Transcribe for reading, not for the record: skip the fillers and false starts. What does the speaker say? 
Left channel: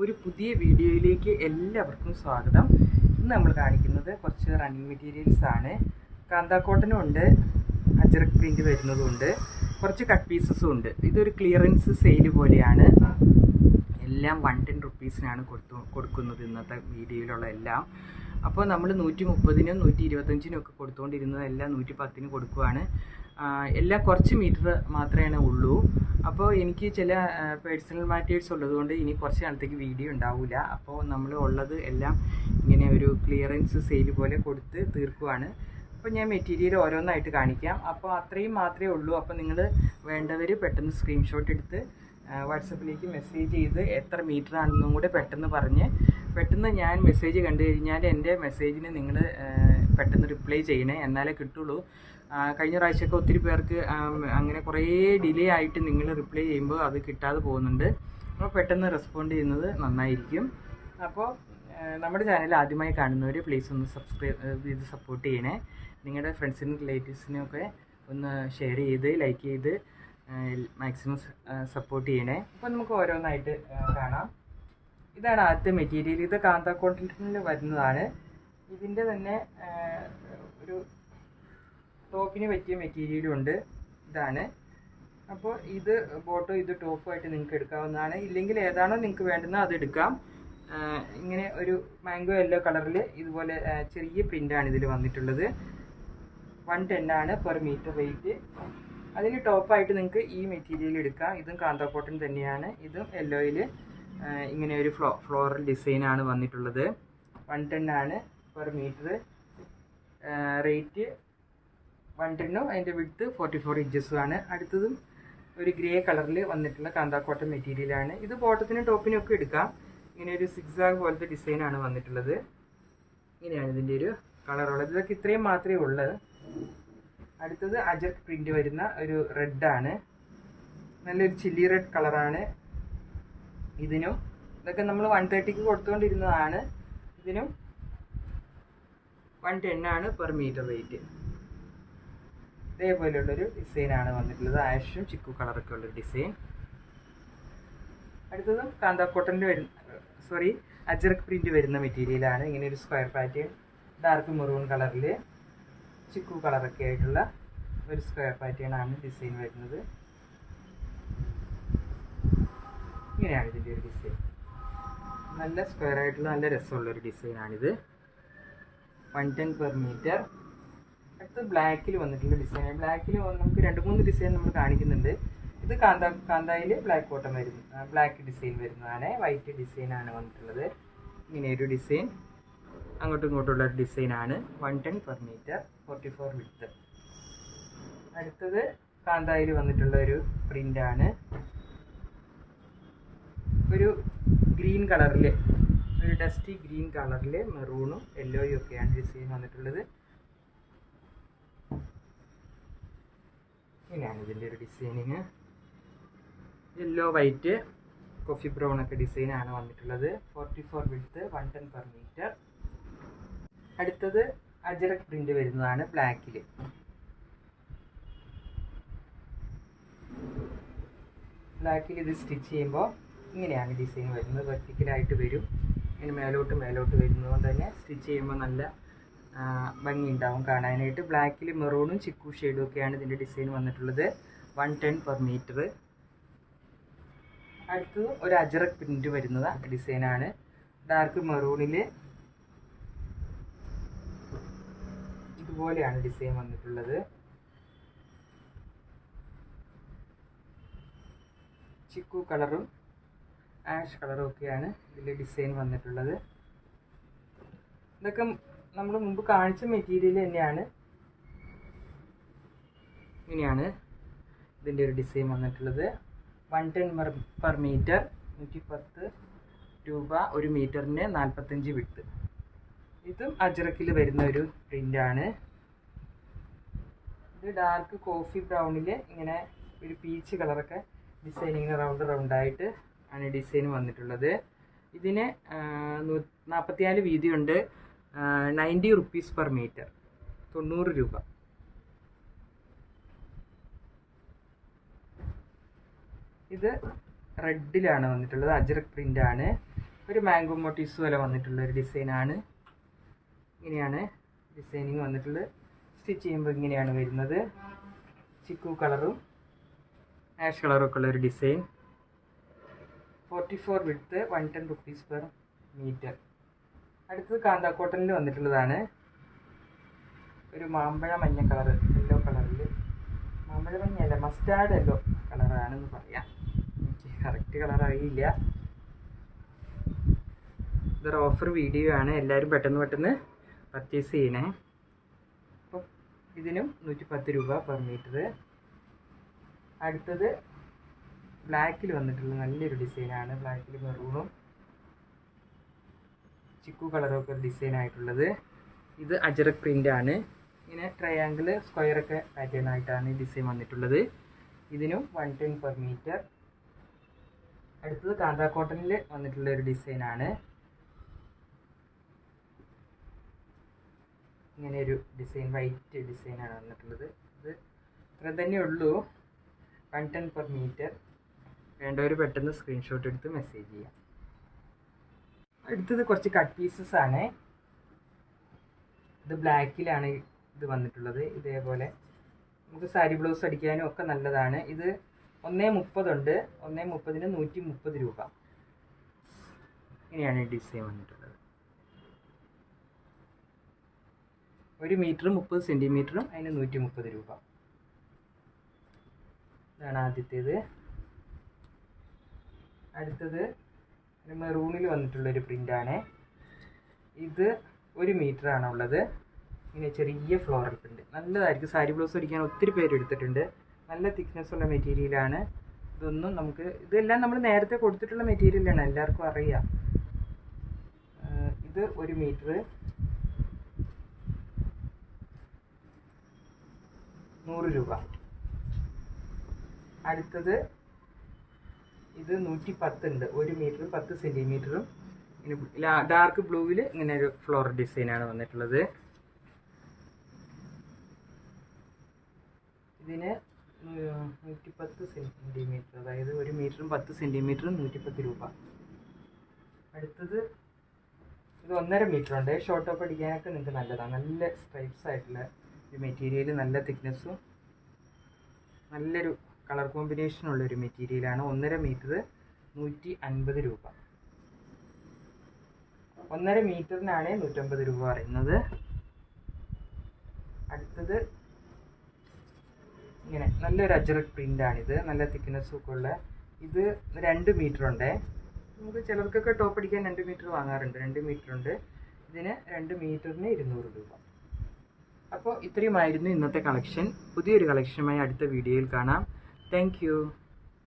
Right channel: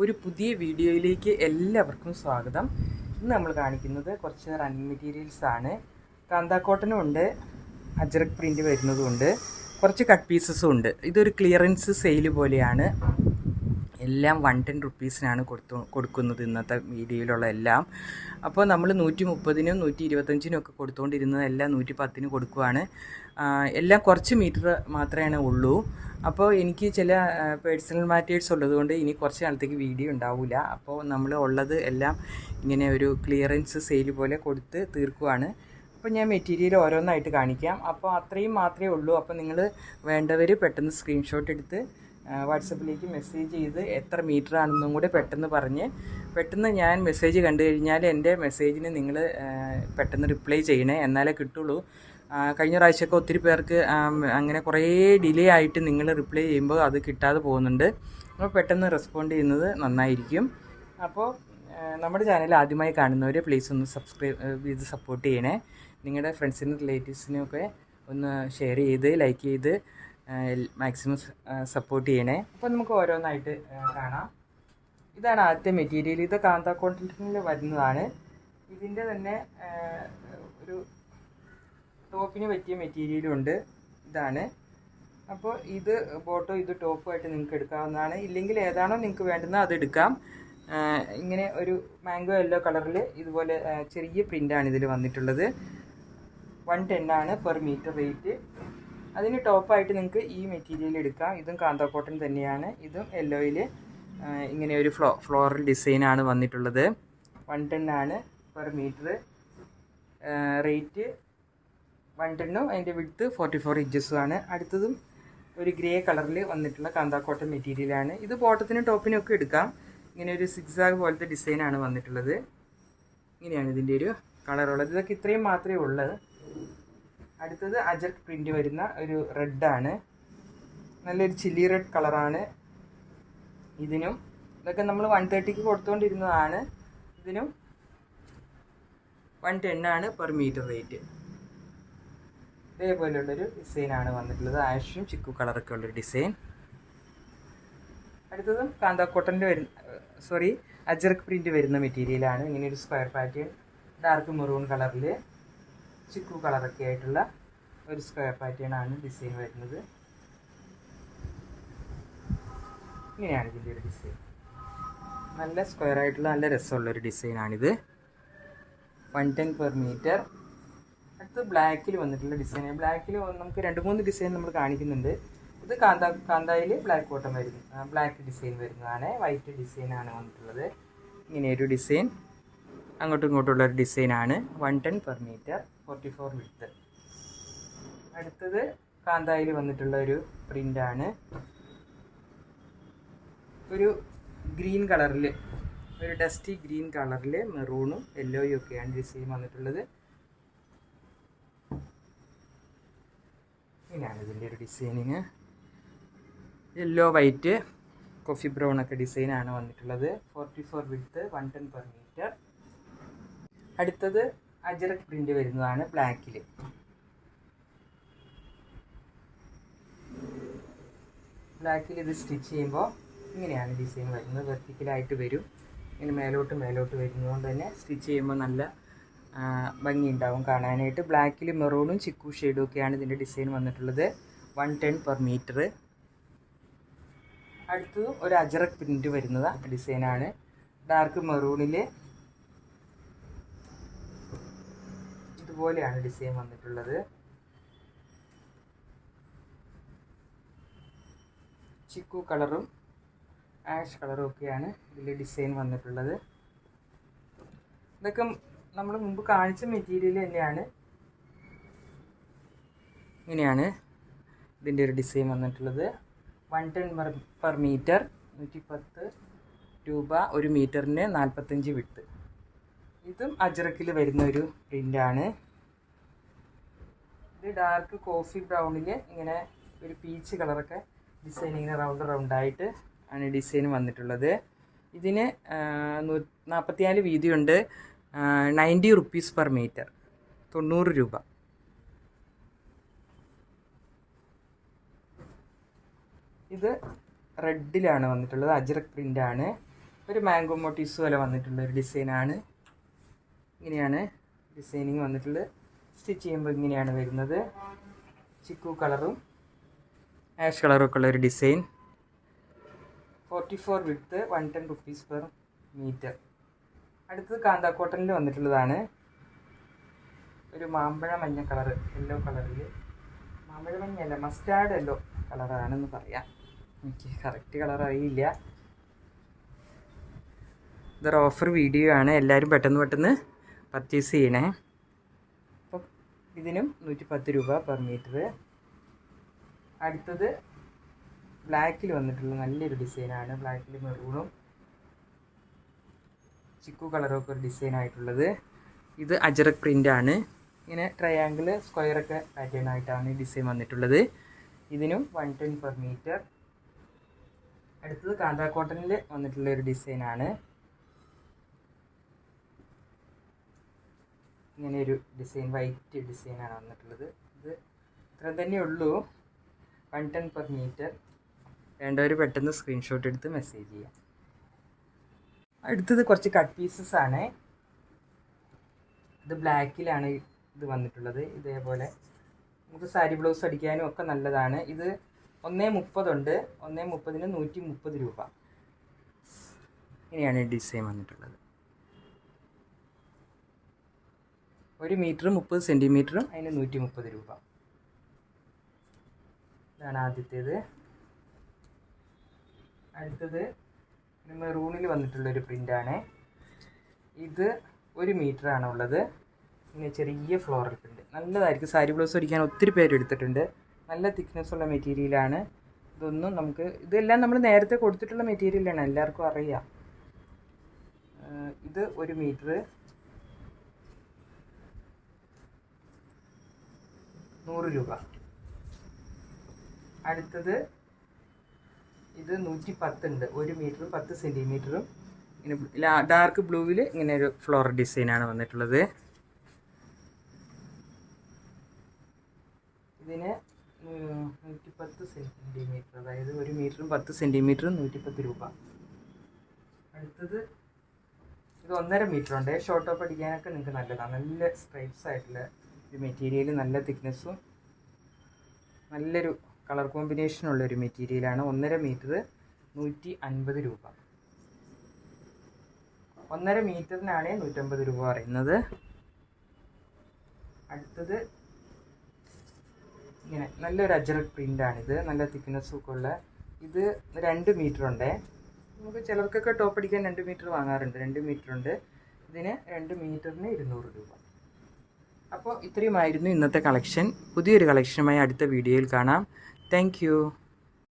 ഒരു പുതിയ വീഡിയോയിലേക്ക് എല്ലാവർക്കും സ്വാഗതം. ഇന്ന് നമ്മൾ കാണിക്കുന്നത് കുറച്ച് റണ്ണിങ് മെറ്റീരിയൽസ് ആണ്. കാന്താ കോട്ടനും ഉണ്ട്, അജ്രക് പ്രിൻ്റ് വരുന്നതും കുറച്ച് കട്ട് പീസസും ഉണ്ട്. ഇതൊരു ക്ലിയറൻസ് സെയിൽ പോലെയാണ്. എല്ലാം 110 റുപ്പീസിനാണ് കൊടുക്കുന്നത് ഇന്നത്തെ വീഡിയോയിലുള്ള എല്ലാം. അപ്പോൾ നമ്മൾ 130-നും 125-നും ഒക്കെ കൊടുത്തുകൊണ്ടിരുന്നത് എല്ലാം 110-ന് കൊടുക്കുവാണ്. എല്ലാം കുറച്ച് മീറ്റർ മാത്രമേ ഉള്ളൂ. അപ്പോൾ എനിക്ക് ചില പേഴ്സണൽ മാറ്റേഴ്സ് ഉള്ളതുകൊണ്ട് ഇനി കുറച്ച് നാളത്തേക്ക് വീഡിയോ ഉണ്ടാവില്ല. അപ്പോൾ നമ്മൾ ഉള്ളത് എല്ലാം ഇങ്ങനെ ഒരു ക്ലിയറൻസ് സെയിൽ പോലെ കൊടുത്ത് തീർക്കുവാണ്. അപ്പോൾ ഞാൻ മെറ്റീരിയൽ ഓരോന്നായിട്ട് കാണിക്കാം. അപ്പോൾ അത്രയും മാത്രമേ ഉള്ളൂ. അപ്പോൾ നിങ്ങൾ വേണ്ടവർ പെട്ടെന്ന് സ്ക്രീൻഷോട്ട് എടുത്ത് വാട്സപ്പിലേക്ക് മെസ്സേജ് ചെയ്ത് എത്ര മീറ്റർ ആണെന്നും കൂടെ പെട്ടെന്ന് ഞാൻ മെസ്സേജ് കണ്ടു കഴിഞ്ഞാൽ എൻ്റെ മെസ്സേജിന് നിങ്ങൾ പെട്ടെന്ന് റിപ്ലൈ ചെയ്യണേ, എന്നാലേ കിട്ടുള്ളൂ. കഴിഞ്ഞ പ്രാവശ്യമൊക്കെ ഒത്തിരി പേർക്ക് അങ്ങനെ കുറേ ഡിലേ ആയിട്ട് നിങ്ങൾ റിപ്ലൈ ചെയ്യുമ്പോൾ അത് കിട്ടാതെ പോകുന്നുണ്ട്. അപ്പോൾ പെട്ടെന്ന് റെസ്പോണ്ട് ചെയ്യുന്നത് നന്നായിരിക്കും. അപ്പോൾ നമ്മുടെ ചാനൽ ആദ്യമായി കാണുന്നവർ പ്ലീസ് ഒന്ന് സബ്സ്ക്രൈബ് ചെയ്ത് സപ്പോർട്ട് ചെയ്യണേ. നിങ്ങളുടെ ഫ്രണ്ട്സിനും റിലേറ്റീവ്സിനും ഒക്കെ ഒന്ന് ഷെയർ ചെയ്ത് ലൈക്ക് ചെയ്ത് മാക്സിമം സപ്പോർട്ട് ചെയ്യണേ. അപ്പോൾ നമുക്ക് ഓരോന്നായിട്ട് കാണാം. ഇതാണ് ആദ്യത്തെ മെറ്റീരിയൽ. ഇത് കാന്താ കോട്ടണിൽ വരുന്നതാണ്. ഇതിൻ്റെ തന്നെ ഒരു ടോപ്പിന് പറ്റിയ മെറ്റീരിയലും ഉണ്ട്. ഇതാണ്. അപ്പോൾ ഇത് ബോട്ടോ ഇത് ടോപ്പുമായിട്ട് നിങ്ങൾക്ക് എടുക്കാവുന്നതാണ്. ഇല്ലെങ്കിൽ ഏതാണോ നിങ്ങൾക്ക് വേണ്ടുന്നത് അത് എടുക്കാം. ഇങ്ങനെ ഒരു മാംഗോ യെല്ലോ കളറിൽ ഇതുപോലെ ചെറിയ പ്രിൻ്റാണ് ഇതിൽ വന്നിട്ടുള്ളത്. 110 ആണ് പെർ മീറ്റർ റേറ്റ്. അതിന് ടോപ്പായിട്ട് നിങ്ങൾക്ക് ഈ മെറ്റീരിയൽ എടുക്കാം. ഇതും കാന്താ കോട്ടൺ തന്നെയാണ്. ഇതും യെല്ലോയിൽ ഇങ്ങനെ ഒരു ഫ്ലോറൽ ഡിസൈനാണ് വന്നിട്ടുള്ളത്. 110 ആണ് പെർ മീറ്റർ റേറ്റ്. 110-ഉം അതിൻ്റെ വിഡ്ത്ത് 44 ഇഞ്ചസുമാണ്. അടുത്തതും ഒരു ഗ്രേ കളറിൽ വന്നിട്ടുള്ള കാന്താ കോട്ടൺ മെറ്റീരിയലാണ്. ഇത് ബോട്ടത്തിനും ടോപ്പിനും ഒക്കെ എടുക്കാം. ഇങ്ങനെ ഒരു സിക്സാഗ് പോലത്തെ ഡിസൈനാണ് വന്നിട്ടുള്ളത്. ഇങ്ങനെയാണ് ഇതിൻ്റെ ഒരു കളറുള്ളത്. ഇതൊക്കെ ഇത്രയും മാത്രമേ ഉള്ളത്. അടുത്തത് അജർക്ക് പ്രിൻ്റ് വരുന്ന ഒരു റെഡാണ്. നല്ലൊരു ചില്ലി റെഡ് കളറാണ് ഇതിനും. ഇതൊക്കെ നമ്മൾ 130-ക്ക് കൊടുത്തുകൊണ്ടിരുന്നതാണ്. ഇതിനും 110 ആണ് പെർ മീറ്റർ റേറ്റ്. ഇതേപോലെയുള്ളൊരു ഡിസൈനാണ് വന്നിട്ടുള്ളത്. ആഷും ചിക്കു കളറൊക്കെ ഉള്ളൊരു ഡിസൈൻ. അടുത്തതും കാന്താ കോട്ടൻ്റെ അജ്രക് പ്രിൻ്റ് വരുന്ന മെറ്റീരിയലാണ്. ഇങ്ങനെ ഒരു സ്ക്വയർ പാറ്റേൺ ഡാർക്ക് മെറൂൺ കളറിൽ ചിക്കു കളറൊക്കെ ആയിട്ടുള്ള ഒരു സ്ക്വയർ പാറ്റേൺ ആണ് ഡിസൈൻ വരുന്നത്. ഇങ്ങനെയാണ് ഇതിൻ്റെ ഒരു ഡിസൈൻ. നല്ല സ്ക്വയർ ആയിട്ടുള്ള നല്ല രസമുള്ളൊരു ഡിസൈനാണിത്. 110 പെർ മീറ്റർ. അടുത്ത് ബ്ലാക്കിൽ വന്നിട്ടുള്ള ഡിസൈൻ. ബ്ലാക്കിൽ നമുക്ക് 2-3 ഡിസൈൻ നമ്മൾ കാണിക്കുന്നുണ്ട്. ഇത് കാന്തായിൽ ബ്ലാക്ക് കോട്ടൺ ബ്ലാക്ക് ഡിസൈൻ വരുന്നതാണ്. വൈറ്റ് ഡിസൈനാണ് വന്നിട്ടുള്ളത്. ഇങ്ങനെയൊരു ഡിസൈൻ. അങ്ങോട്ടും ഇങ്ങോട്ടുള്ള ഒരു ഡിസൈനാണ്. 110 പെർ മീറ്റർ 44 വിഡ്ത്ത്. അടുത്തത് കാന്തായിൽ വന്നിട്ടുള്ള ഒരു പ്രിൻ്റാണ്. ഒരു ഗ്രീൻ കളറിൽ ഒരു ഡസ്റ്റി ഗ്രീൻ കളറിൽ മെറൂണും യെല്ലോയും ഒക്കെയാണ് ഡിസൈൻ വന്നിട്ടുള്ളത്. ഇങ്ങനെയാണ് ഇതിൻ്റെ ഒരു designing. Yellow white coffee brown ഒക്കെ ഡിസൈനാണ് വന്നിട്ടുള്ളത്. 44 വിഡ്ത്ത് 110 പെർ മീറ്റർ. അടുത്തത് അജറക് പ്രിൻ്റ് വരുന്നതാണ് ബ്ലാക്കിൽ. ബ്ലാക്കിൽ ഇത് സ്റ്റിച്ച് ചെയ്യുമ്പോൾ ഇങ്ങനെയാണ് ഡിസൈൻ വരുന്നത്. വെർട്ടിക്കലായിട്ട് വരും. ഇങ്ങനെ മേലോട്ട് വരുന്നതുകൊണ്ട് തന്നെ സ്റ്റിച്ച് ചെയ്യുമ്പോൾ നല്ല ഭംഗി ഉണ്ടാവും കാണാനായിട്ട്. ബ്ലാക്കിൽ മെറൂണും ചിക്കു ഷെയ്ഡും ഒക്കെയാണ് ഇതിൻ്റെ ഡിസൈൻ വന്നിട്ടുള്ളത്. 110 പെർ മീറ്റർ. അടുത്തത് ഒരു അജറക് പ്രിൻ്റ് വരുന്നത് ഡിസൈനാണ്. ഡാർക്ക് മെറൂണിൽ ഇതുപോലെയാണ് ഡിസൈൻ വന്നിട്ടുള്ളത്. ചിക്കു കളറും ആഷ് കളറും ഒക്കെയാണ് ഇതിൽ ഡിസൈൻ വന്നിട്ടുള്ളത്. ഇതൊക്കെ നമ്മൾ മുമ്പ് കാണിച്ച മെറ്റീരിയൽ തന്നെയാണ്. ഇങ്ങനെയാണ് ഇതിൻ്റെ ഒരു ഡിസൈൻ വന്നിട്ടുള്ളത്. 110 പെർ മീറ്റർ 110 രൂപ. ഒരു മീറ്ററിന് 45 വിഡ്ത്ത്. ഇതും അജറക്കിൽ വരുന്ന ഒരു പ്രിൻ്റാണ്. ഇത് ഡാർക്ക് കോഫി ബ്രൗണിൽ ഇങ്ങനെ ഒരു പീച്ച് കളറൊക്കെ ഡിസൈൻ ഇങ്ങനെ റൗണ്ടായിട്ട് ആണ് ഡിസൈൻ വന്നിട്ടുള്ളത്. ഇതിന് 44 വീതിയുണ്ട്. 90 റുപ്പീസ് പെർ മീറ്റർ 90 രൂപ. ഇത് റെഡിലാണ് വന്നിട്ടുള്ളത്. അജ്രക് പ്രിൻ്റാണ്. ഒരു മാംഗോ മോട്ടീവ്സ് പോലെ വന്നിട്ടുള്ള ഒരു ഡിസൈനാണ്. ഇങ്ങനെയാണ് ഡിസൈനിങ് വന്നിട്ടുള്ളത്. സ്റ്റിച്ച് ചെയ്യുമ്പോൾ ഇങ്ങനെയാണ് വരുന്നത്. ചിക്കു കളറും ആഷ് കളറും ഒക്കെ ഉള്ള ഒരു design. 44 width, 110 rupees per metre. അടുത്തത് കാന്താ കോട്ടണിൽ വന്നിട്ടുള്ളതാണ്. ഒരു മാമ്പഴ മഞ്ഞ കളറ്, യെല്ലോ കളറിൽ, മാമ്പഴ മഞ്ഞല്ല മസ്റ്റാർഡ് യെല്ലോ കളറാണെന്ന് പറയാം. എനിക്ക് കറക്റ്റ് കളർ അറിയില്ല. ഇതൊരു ഓഫർ വീഡിയോ ആണ്, എല്ലാവരും പെട്ടെന്ന് പർച്ചേസ് ചെയ്യണേ. അപ്പം ഇതിനും 110 രൂപ പെർ മീറ്റർ. അടുത്തത് ബ്ലാക്കിൽ വന്നിട്ടുള്ള നല്ലൊരു ഡിസൈനാണ്. ബ്ലാക്കിൽ മെറൂണും ചിക്കു കളറൊക്കെ ഒരു ഡിസൈൻ ആയിട്ടുള്ളത്. ഇത് അജറക് പ്രിൻ്റാണ്. ഇങ്ങനെ ട്രയാങ്കിൾ സ്ക്വയറൊക്കെ പാറ്റേൺ ആയിട്ടാണ് ഈ ഡിസൈൻ വന്നിട്ടുള്ളത്. ഇതിനും 110 പെർ മീറ്റർ. അടുത്തത് കാന്താ കോട്ടണിൽ വന്നിട്ടുള്ള ഒരു ഡിസൈനാണ്. ഇങ്ങനെ ഒരു ഡിസൈൻ, വൈറ്റ് ഡിസൈനാണ് വന്നിട്ടുള്ളത്. ഇത് ഇത്ര തന്നെ ഉള്ളൂ. 110 പെർ മീറ്റർ. വേണ്ടവർ പെട്ടെന്ന് സ്ക്രീൻഷോട്ട് എടുത്ത് മെസ്സേജ് ചെയ്യാം. അടുത്തത് കുറച്ച് കട്ട് പീസസ് ആണ്. ഇത് ബ്ലാക്കിലാണ് ഇത് വന്നിട്ടുള്ളത്. ഇതേപോലെ നമുക്ക് സാരി ബ്ലൗസ് അടിക്കാനും ഒക്കെ നല്ലതാണ്. ഇത് 130 ഉണ്ട്. 130-ന് 130 രൂപ. ഇങ്ങനെയാണ് ഈ ഡിസൈൻ വന്നിട്ടുള്ളത്. 1 മീറ്റർ 30 സെൻറ്റിമീറ്ററും അതിന് 130 രൂപ. ഇതാണ് ആദ്യത്തേത്. അടുത്തത് മെറൂണിൽ വന്നിട്ടുള്ളൊരു പ്രിൻ്റാണ്. ഇത് 1 മീറ്ററാണ് ഉള്ളത്. ഇങ്ങനെ ചെറിയ ഫ്ലോറൽ പ്രിൻ്റ് നല്ലതായിരിക്കും. സാരി ബ്ലൗസ് അടിക്കാൻ ഒത്തിരി പേര് എടുത്തിട്ടുണ്ട്. നല്ല തിക്നെസ് ഉള്ള മെറ്റീരിയലാണ്. ഇതൊന്നും നമുക്ക്, ഇതെല്ലാം നമ്മൾ നേരത്തെ കൊടുത്തിട്ടുള്ള മെറ്റീരിയലാണ്, എല്ലാവർക്കും അറിയാം. ഇത് 1 മീറ്റർ 100 രൂപ. അടുത്തത് ഇത് 110 ഉണ്ട്. 1 മീറ്ററും 10 സെൻറ്റിമീറ്ററും. ഇങ്ങനെ ഡാർക്ക് ബ്ലൂവിൽ ഇങ്ങനെ ഒരു ഫ്ലോറൽ ഡിസൈനാണ് വന്നിട്ടുള്ളത്. ഇതിന് 110 സെൻറ്റിമീറ്റർ, അതായത് 1 മീറ്ററും 10 സെൻറ്റിമീറ്ററും 110 രൂപ. അടുത്തത് ഇത് 1.5 മീറ്റർ ഉണ്ട്. ഷോർട്ട് ടോപ്പ് അടിക്കാനൊക്കെ നിങ്ങൾക്ക് നല്ലതാണ്. നല്ല സ്ട്രൈപ്സ് ആയിട്ടുള്ള ഒരു മെറ്റീരിയൽ, നല്ല തിക്നെസ്സും നല്ലൊരു കളർ കോമ്പിനേഷനുള്ളൊരു മെറ്റീരിയലാണ്. 1.5 മീറ്റർ 150 രൂപ. 1.5 മീറ്ററിനാണ് 150 രൂപ പറയുന്നത്. അടുത്തത് ഇങ്ങനെ നല്ലൊരു അജറക് പ്രിൻ്റാണിത്. നല്ല തിക്നെസ്സും ഒക്കെ ഉള്ള. ഇത് 2 മീറ്റർ ഉണ്ട്. നമുക്ക് ചിലർക്കൊക്കെ ടോപ്പ് അടിക്കാൻ 2 മീറ്റർ വാങ്ങാറുണ്ട്. 2 മീറ്റർ ഉണ്ട്. ഇതിന് 2 മീറ്ററിന് 200 രൂപ. അപ്പോൾ ഇത്രയുമായിരുന്നു ഇന്നത്തെ കളക്ഷൻ. പുതിയൊരു കളക്ഷനുമായി അടുത്ത വീഡിയോയിൽ കാണാം. Thank you.